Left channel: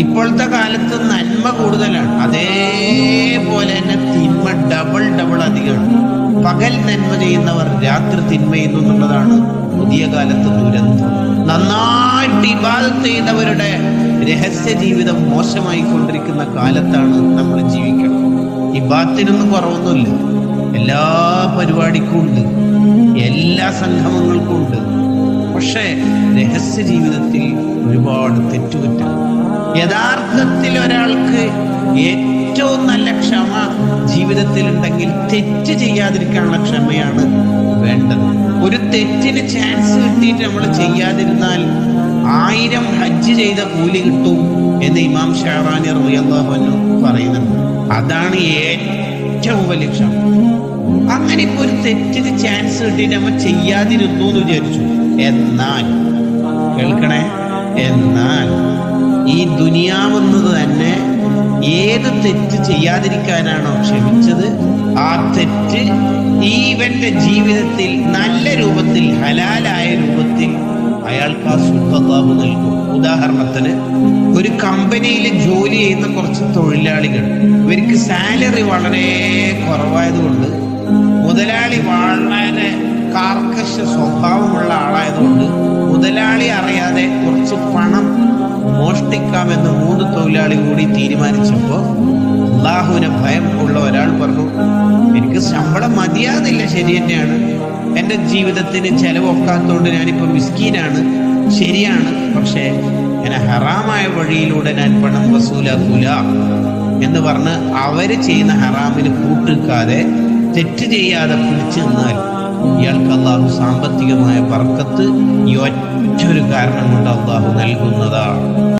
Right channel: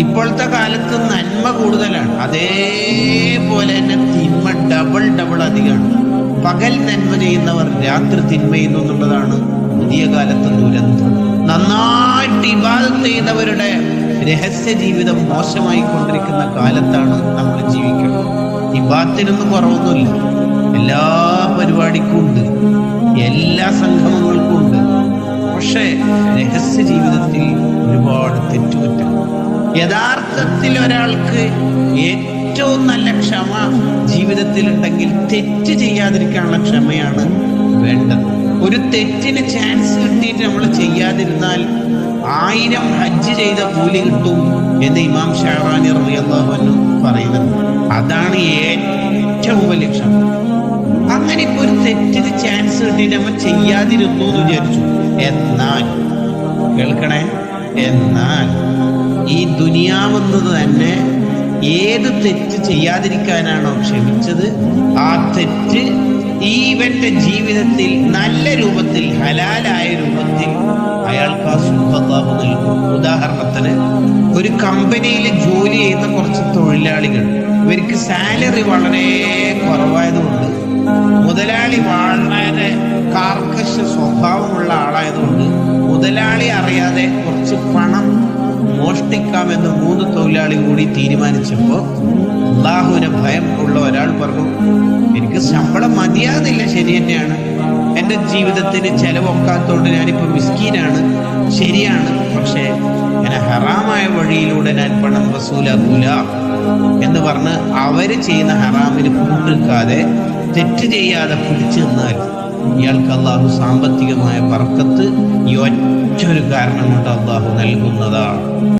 ഇപ്പോഴത്തെ കാലത്ത് നന്മ കൂടുതലാണ്. അതേപോലെ തന്നെ തിന്മ ഡബിൾ ഡബിൾ അധികമാണ്. പകൽ നന്മ ചെയ്യുന്നവർ രാത്രി തിന്മ ചെയ്യുന്നു എന്നുള്ളതാണ് പുതിയ കാലത്ത് ദുരന്തം. നന്നായിട്ട് ഇബാദത്ത് ചെയ്യുന്നവരുടെ രഹസ്യ ജീവിതം മോശമായി കൊണ്ടിരിക്കുന്ന കാലത്താണ് നമ്മൾ ജീവിക്കുന്നത് ഇബാത്തിനൊന്നും കുറവൊന്നുമില്ല. എല്ലാ പരിപാടിക്കും ഉണ്ട്. എല്ലാ സംഗമങ്ങൾക്കും ഉണ്ട്. പക്ഷേ രഹസ്യ ജീവിതത്തിൽ ഒരുപാട് തെറ്റുപറ്റും യഥാർത്ഥത്തിൽ ഒരാൾക്ക് ഏറ്റവും നല്ല ക്ഷമ ജീവിതത്തിൽ ഉണ്ടെങ്കിൽ തെറ്റ് ചെയ്യാതിരിക്കാനുള്ള ക്ഷമയാണ് വേണ്ടത്. ഒരു തെറ്റിന് ചാൻസ് കിട്ടിയിട്ട് നമ്മൾ ചെയ്യാതിരുന്നാൽ ആയിരം ഹജ്ജ് ചെയ്ത കൂലി കിട്ടും എന്ന് ഇമാം ഷാറാനി റളിയല്ലാഹു പറയുന്നുണ്ട്. അതാണ് ഏറ്റവും വലിയ ക്ഷമ. അങ്ങനെ ഇപ്പൊ ഒരു തെറ്റിന് ചാൻസ് കിട്ടിയിട്ട് നമ്മൾ ചെയ്യാതിരുന്നു എന്ന് വിചാരിച്ചു. എന്നാൽ കേൾക്കണേ? എന്നാൽ ഈ ദുനിയാവുന്നത് തന്നെ ഏത് തെറ്റ് ചെയ്യാതിരിക്കാനാണോ ക്ഷമിച്ചത് ആ തെറ്റ് ഈവന്റെ ജീവിതത്തിൽ നല്ല രൂപത്തിൽ ഹലാലായ രൂപത്തിൽ അയാൾക്ക് ആ സുഖഭാവ് നൽകും. ഉദാഹരണത്തിന് ഒരു കമ്പനിയിൽ ജോലി ചെയ്യുന്ന കുറച്ച് തൊഴിലാളികൾ ഇവർക്ക് സാലറി വളരെ കുറവായതുകൊണ്ട് മുതലാളി വളരെ കാർക്കശ സ്വഭാവമുള്ള ആളായതുകൊണ്ട് മുതലാളി അറിയാതെ കുറച്ച് പണം മോഷ്ടിക്കാമെന്ന് മൂന്ന് തൊഴിലാളി കൂടി തീരുമാനിച്ചപ്പോ അള്ളാഹുവിനെ ഭയം ഉള്ള ഒരാൾ പറഞ്ഞു എനിക്ക് ശമ്പളം മതിയാകുന്നില്ല ശരി തന്നെയാണ്. എന്റെ ജീവിതത്തിന് ചെലവൊക്കാത്തോണ്ട് ഞാനിപ്പോ മിസ്കീനാണ് ശരിയാണ്. പക്ഷേ ഞാൻ ഹറാമായ വഴിയിലൂടെ ഞാൻ പണം വസൂലാക്കൂല. എന്ന് പറഞ്ഞ് അവർ ചെയ്യുന്ന ഹറാമിന് കൂട്ടിക്കാതെ തെറ്റ് ചെയ്യാതെ പിടിച്ചു നിന്നാൽ ഇയാൾക്ക് അള്ളാഹു സാമ്പത്തികമായ പറക്കത്ത് ഈ ഒറ്റ ഒരു കാരണം കൊണ്ട് അള്ളാഹു നൽകുന്നതാണ്.